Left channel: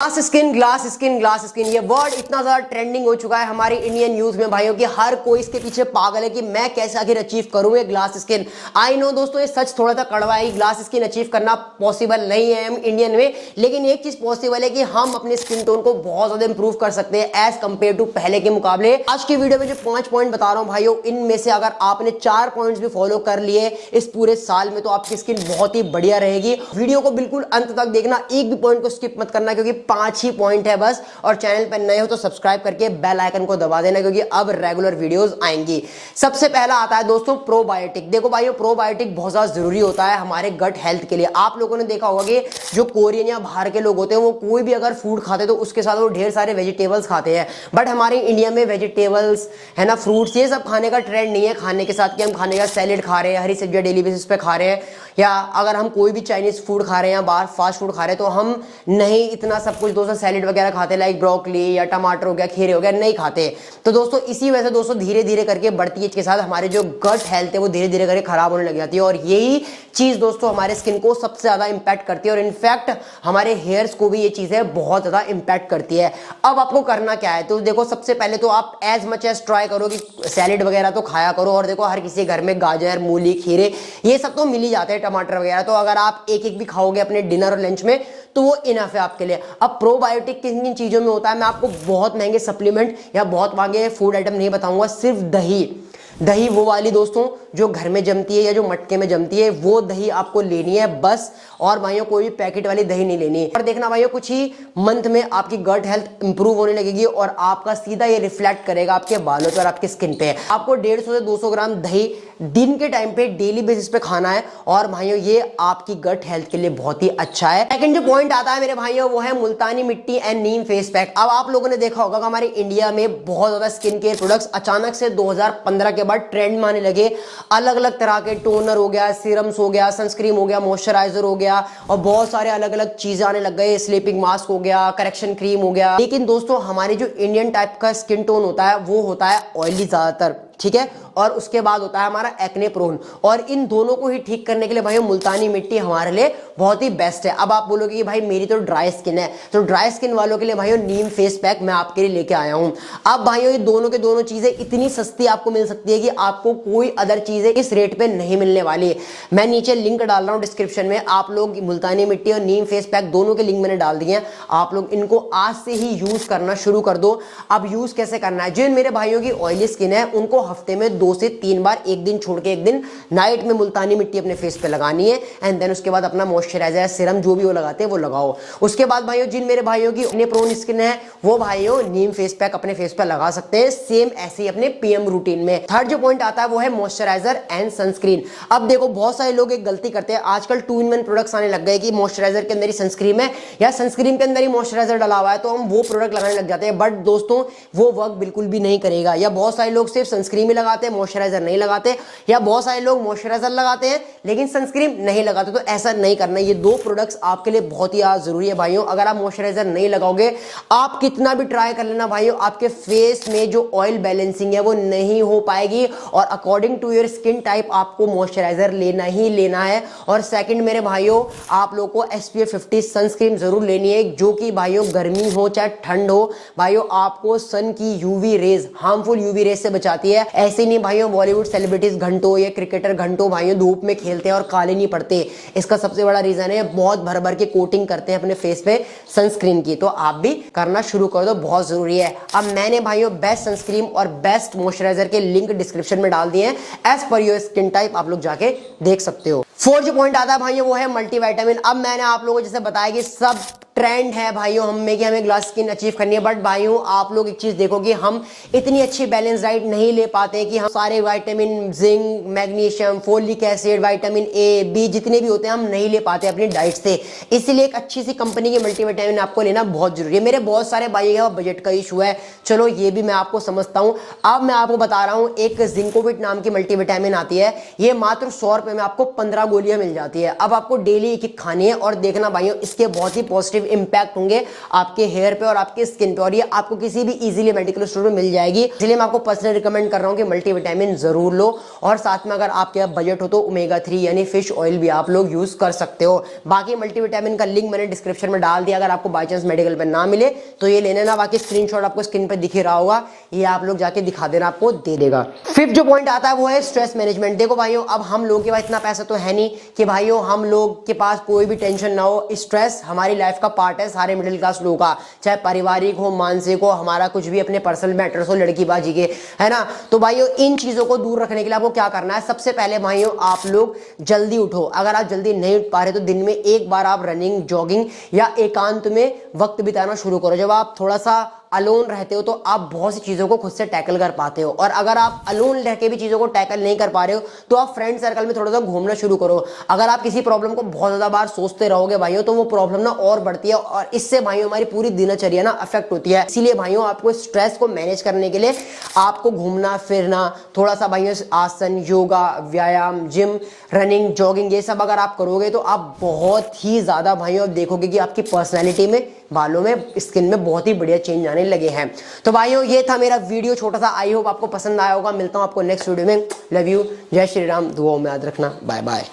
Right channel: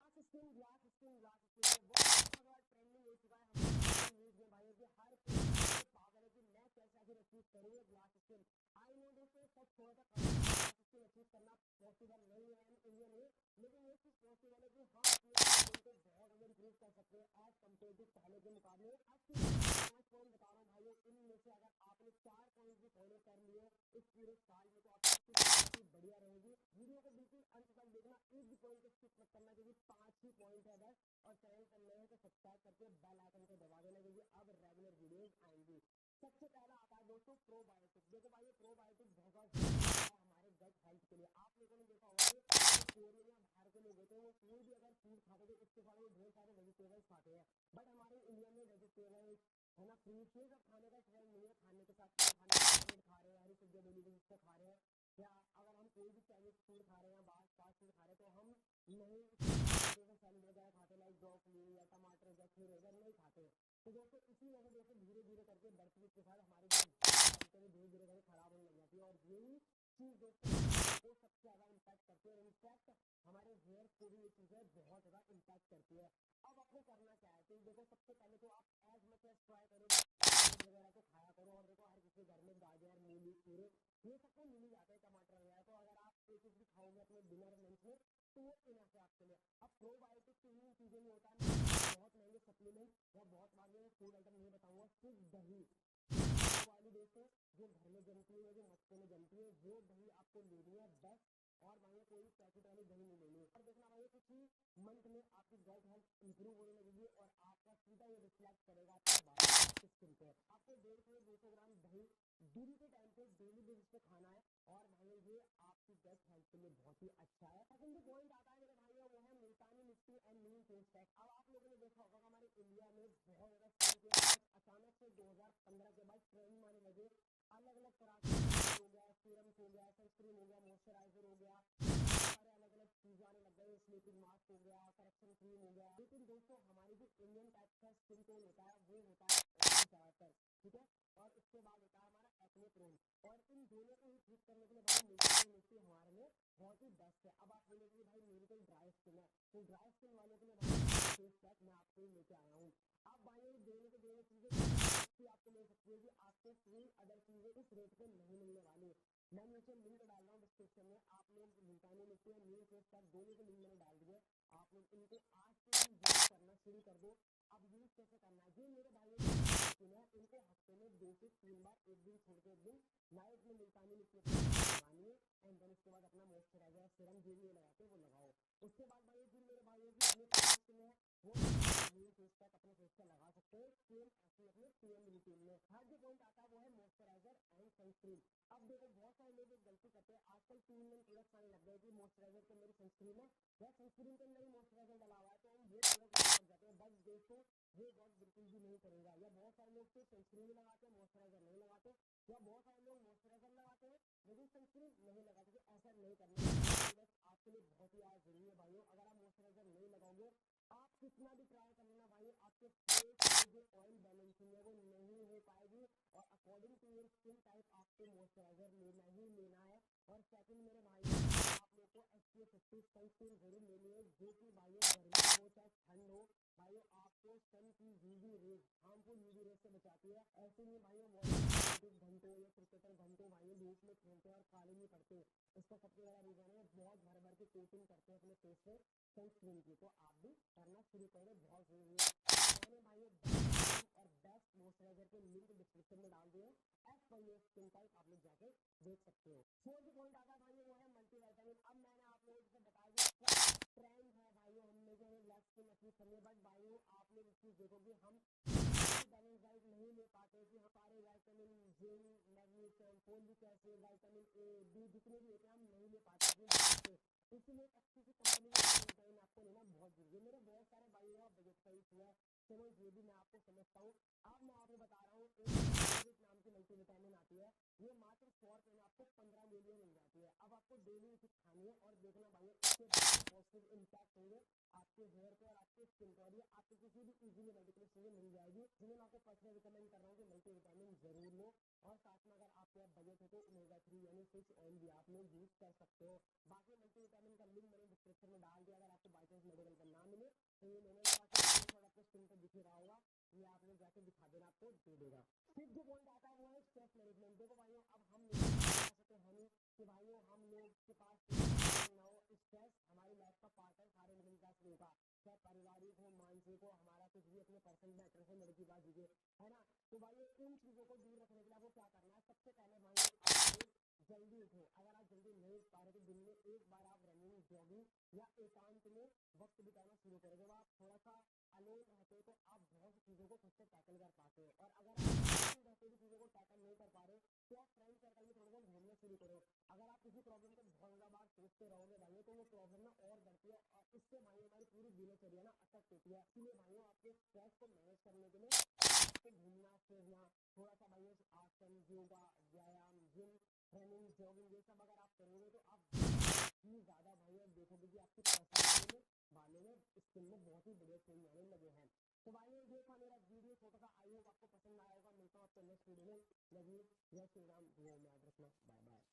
Glass skin ये word इतना ज्यादा ट्रेंडिंग हो चुका है हमारी इंडियन यूथ में भाइयों कि हर कोई इसके पीछे पागल है कि मैं कैसे आखिर अचीव करूं ये ग्लास स्किन। आई नो दोस्तों, ये सच थोड़ा सा कड़वा है, ग्लास स्किन अचीव करना पॉसिबल नहीं है हम इंडियन में, लेकिन एक चीज पॉसिबल है कि हम अपने स्किन टोन को बहुत ज्यादा इंप्रूव कर सकते हैं एज कंपेयर टू पहले के मुकाबले। आज की वीडियो में जो 5 पॉइंट बता रहा हूं भाइयों, इनमें से अगर आपने 4 पॉइंट्स भी फॉलो कर लिए इस पूरे साल में तो आपकी स्किन बहुत ही बढ़िया रहेगी। वीडियो को बिल्कुल अंत तक देखना, एक भी पॉइंट को स्किप मत करना क्योंकि 5 ही पॉइंट है बस। और चैनल पर नए हो तो सब्सक्राइब करके बेल आइकन को दबा देना क्योंकि अब रेगुलर वीडियोस आएंगी। सबसे पहला आता है दोस्तों प्रोबायोटिक। देखो भाइयों, प्रोबायोटिक बहुत ज्यादा जरूरी होता है हमारे गट हेल्थ के लिए। आप लोगों ने देखा होगा कि जो कोरियन या बाहर के लोग होते हैं वो कोई भी अगर फूड खाते हैं तो उसके साथ वो ढेर सारे वेजिटेबल्स खाते हैं, बट हमारे इंडिया में वेजिटेबल्स है ना, फ्रूट्स, ये सब खाने का ट्रेंड नहीं है खाने के साथ कि हम खाने का सैलेड खा रहे हैं, हरी सब्जियां डेली बेसिस पे खा रहे हैं, या अगर हम कोई भी चाइनीज फूड खा रहे हैं या बाहर फास्ट फूड खा रहे हैं तो हम नहीं इतना सब कुछ दोस्तों सैलेड वगैरह खाते, लाइक ब्रोकली या टमाटर हो गया, खीरे हो गया, नहीं खाते। तो दोस्तों इसी वजह से दोस्तों धीरे धीरे करके बढ़ती एज के साथ हमारे जो गट हेल्थ है वो धीरे धीरे करके खराब होने लग जाती है, और यही चीज दोस्तों हमारे स्किन को सबसे ज्यादा इंपैक्ट करती है, और इनफैक्ट हमारे हेयर्स को भी ये चीजें बहुत ज्यादा इंपैक्ट करती है। अब आपको करना क्या है, तो देखो सबसे पहले तो आप एज मच एज ट्राई करो कि सैलेड वगैरह तो खाया करो, और देखो हर किसी घर में गाजर, मूली, खीरे ये सब तो मिल ही जाते हैं, टमाटर वगैरह, तो अगर आप एक एक भी खाओगे अपने डिनर और लंच में तो वो इनफ है आपके लिए। अब प्रोबायोटिक किन किन चीजों में होता है मैं आपको बहुत महंगे सप्लीमेंट या बहुत महंगे फूड आइटम नहीं बताऊंगा, सिर्फ दही वो वाली दोस्तों जो घर में जमती है या जो मटके में जमती है वो दही आपको लेनी है बस, और भाइयों कोई भी पैकेट वाली दही नहीं लेनी है। और देखना भाइयों कुछ ही मंथ में आपकी गट हेल्थ इंप्रूव होने लगेगी और आपका सीधा ये रिफ्लेक्ट करेगा आपके बालों पर, आपकी स्किन पे। आपको 150 से 200 ग्राम दही दिन के टाइम पे डेली बेसिस पे खाना है, और भाइयों ये आपकी गट हेल्थ के लिए बहुत ही अच्छा है। सेकंड जो पॉइंट आता है मेरे भाइयों वो है मुल्तानी मिट्टी एंड नीम फेस पैक। अब आप लोगों ने देखा होगा कि हमारे इंडिया में बहुत ज्यादा स्किन केयर प्रोडक्ट्स अचानक से 2015 के बाद ट्रेंड में आने लगे। अलग अलग तरह के टोनर हो गया, सीरम्स हो गया, सनस्क्रीन हो गया, मॉइस्चराइजर हो गया, और बहुत सारे अलग अलग चीजें आने लग गए, स्लीपिंग मास्क हो गया, करेक्शन क्रीम हो गया। लेकिन दोस्तों हमारे जो इंडियन टाइप का स्किन टोन होता है वो होता है ऑयली ज्यादातर, ठीक है, और उसके बाद होता है हमारा एक्ने प्रोन, और इन दोनों को ही ठीक करने के लिए भाई मुल्तानी मिट्टी हमारे लिए बहुत ही बेस्ट है। अब आप बोलोगे कि भाई मेरी तो ड्राई स्किन है, तो ड्राई स्किन वालों के लिए भाइयों नीम फेस पैक मैं आपके लिए लेके आया हूं। अब भाइयों ये दोनों के दोनों चीजें इतनी सस्ती आपको मिल सकती है कि आपको कोई अदर चीजें इस रेट पे नहीं मिलने वाली। मैं नीचे लिंक डाल रहा हूं डिस्क्रिप्शन में, आप लोग मुल्तानी मिट्टी और नीम फेस पैक दोनों के लिंक मैंने डाल दिए हैं, आप लोग इनको आज से ही यूज करना शुरू कर दो। अब यूज कैसे करना है, जिन मेरे भाइयों की ऑयली स्किन है उनको हफ्ते में 2 से 3 बार, एक दिन छोड़ के एक दिन नाइट में मुल्तानी मिट्टी अपने फेस पे लगानी है, एंड देन उसके बाद अपना मॉइस्चराइजर सीरम जो भी वो लगाते हैं वो लगाओ। उसके बाद भाइयों जिन मेरे भाइयों की एक्ने प्रोन स्किन है वो भाइयों नीम फेस पैक अपने फेस पे लगा सकते हैं, सेम ऐसे ही अपने पीएम रूटीन में। थर्ड जो पॉइंट आता है वो है मॉइस्चराइजर एंड सनस्क्रीन। अब देखो बहुत सारे लोग एक गलती करते हैं, आजकल 2-in-1 प्रोडक्ट्स आने लग गए कि मॉइस्चराइजर के अंदर ही सनस्क्रीन है या सनस्क्रीन के अंदर ही मॉइस्चराइजर डाला हुआ है, तो हम वो प्रोडक्ट लगाने लग जाते हैं, बट दोस्तों वो वर्क बिल्कुल भी नहीं करेगा। या बहुत सारे लोग सिर्फ सनस्क्रीन ही लगाते हैं, मॉइस्चराइजर नहीं लगाते, या बहुत सारे लोग मॉइस्चराइजर लगाते हैं लेकिन सनस्क्रीन नहीं लगाते, तो ऐसा नहीं करना। ये 2 प्रोडक्ट्स आपके लिए बहुत ही जरूरी है भाइयों। अगर आप मॉइस्चराइजर नहीं लगाओगे, आप कितना भी ट्राई कर लेना भाइयों, आपके फेस में जो ऑयल बैलेंसिंग है वो नहीं हो पाएगी, और according to your skin type आपको मॉइस्चराइजर लेना ही लेना है। और सेकंड मेरे भाइयों आप लोग को SPF 50 सनस्क्रीन जरूर लेनी है, जो कि भाइयों गर्मी हो चाहे ठंड हो भाइयों आपको सन की UV rays, harmful UV rays से बचाती है। ऐसे नहीं भाइयों बॉलीवुड सेलिब्रिटीज घंटों या क्रिकेटर घंटों भाइयों धूप में खेलते हैं और काले नहीं पड़ते, इसका सबसे बड़ा रीजन है बहुत भर भर के कोटिंग करते हैं अपने फेस पे सनस्क्रीन की। तो आप भी करना शुरू कर दो, बहुत जरूरी है। अब मैंने भाइयों बेस्ट सनस्क्रीन और बेस्ट मॉइस्चराइजर के लिंक डिस्क्रिप्शन में डाल दिए हैं, as per your skin type आप लोग जाके देख सकते हो। फोर्थ जो पॉइंट आता है भाइयों वो है मल्टीविटामिन। अब मैंने आप लोगों को जैसे बताया कि सब ट्रेंड है भाइयों हम में कि हमें ग्लास स्किन अचीव करनी है, बट भाइयों आप लोग एक चीज देखो कि हम इतनी अच्छी बैलेंस डाइट नहीं ले पाते कि हम सारे vitamin, zinc, magnesium, folic acid, vitamin A, B जितने भी होते हैं हम नहीं ले पाते अपनी डाइट से। इसीलिए एक अच्छी सी कंपनी की मल्टीविटामिन आपको लेना बहुत जरूरी है। मेरे बहुत सारे भाई है बजट का इशू है, चलो ये भी मैं आपको समझता हूं। अब मैं आपको बता रहा हूं एक जिंकोविट नाम की मल्टीविटामिन आती है, ये मात्र 100 रुपए में आपको 15 गोलियां मिल जाती है। अब आपको डेली एक एक खानी है और देखना भाइयों इसके बहुत ही पॉजिटिव इंपैक्ट होंगे आपके हेयर पे और आपके स्किन पे, और ये आपको किसी भी इजीली मेडिकल स्टोर में मिल जाएगी। इसलिए मैं आपको पर्सनली रिकमेंड कर रहा हूँ कि मल्टीविटामिन जरूर लो, और साथ में अगर आपके बजट हो तो ओमेगा 3 यानी फिश ऑयल भी आप लोग यूज कर सकते हो। बाकी मल्टीविटामिन का लिंक मैंने डिस्क्रिप्शन में डाल दिया, अगर आपको बाई चांस मेडिकल पे ना मिले तो ये ले लेना। बाकी स्क्रीनशॉट आपको स्क्रीन पे दिख ही रहा होगा, ये आप लोग जाके दिखा देना, आपको दे देगा। फिफ्थ जो पॉइंट आता है वो है स्ट्रेस मैनेजमेंट। देखो भाइयों अब हम लोगों के पास इतना पैसा तो है नहीं कि भाइयों हम लोग के पास कोई भी टेंशन ना हो। स्ट्रेस हमारी लाइफ का पार्ट है सारे मिडिल क्लास लोगों का, चाहे पारिवारिक हो, मानसिक हो, हमारा कुछ भी अपने पर्सनल मैटर्स हो, लड़की बाजी के, है ना। तो भाइयों इन चीजों को दूर रखने के लिए आपको क्या करना है, सबसे पहले भाइयों आप लोग जल्दी उठो। अगर आप जल्दी नहीं उठ पा रहे तो दिन में एक बार आप रनिंग, जॉगिंग या एकांत में वक्त बिताना शुरू करो। जब आप थोड़ा सा अलोन रहते हो तो आप बहुत सी चीजों को खुद से टैकल कर पाते हो, और अगर आप अलोन रह के भी चीजों को टैकल नहीं कर पा रहे हो तो आप फ्रेंड सर्कल में थोड़ा सा घूमना शुरू करो। अगर आप किसी प्रॉब्लम को बहुत ज्यादा बार सोचते रहोगे भाइयों तो वो प्रॉब्लम ना और बढ़ती है, और इससे भाइयों हमारी पूरी दिनचर्या ना अफेक्ट होती है। इसीलिए भाइयों आपको स्ट्रेस को मैनेज करने के लिए आपको घूमना फिरना, थोड़ा सा भाइयों आसन, योगा, व्यायाम, जिम, रनिंग, जॉगिंग, ये सब अगर आप करोगे तो आप बहुत ही ज्यादा भाइयों देखोगे कि आपकी पर्सनैलिटी में, बालों में, स्किन में बहुत ही बढ़िया चेंज आने लगे हैं। तो भाइयों ये था मेरा वीडियो छोटा सा, आई होप आपको पसंद आया होगा। मिलता हूं आपको नेक्स्ट वीडियो में। लव यू, जय श्री राम, दुआओं में याद रखना, बाय बाय।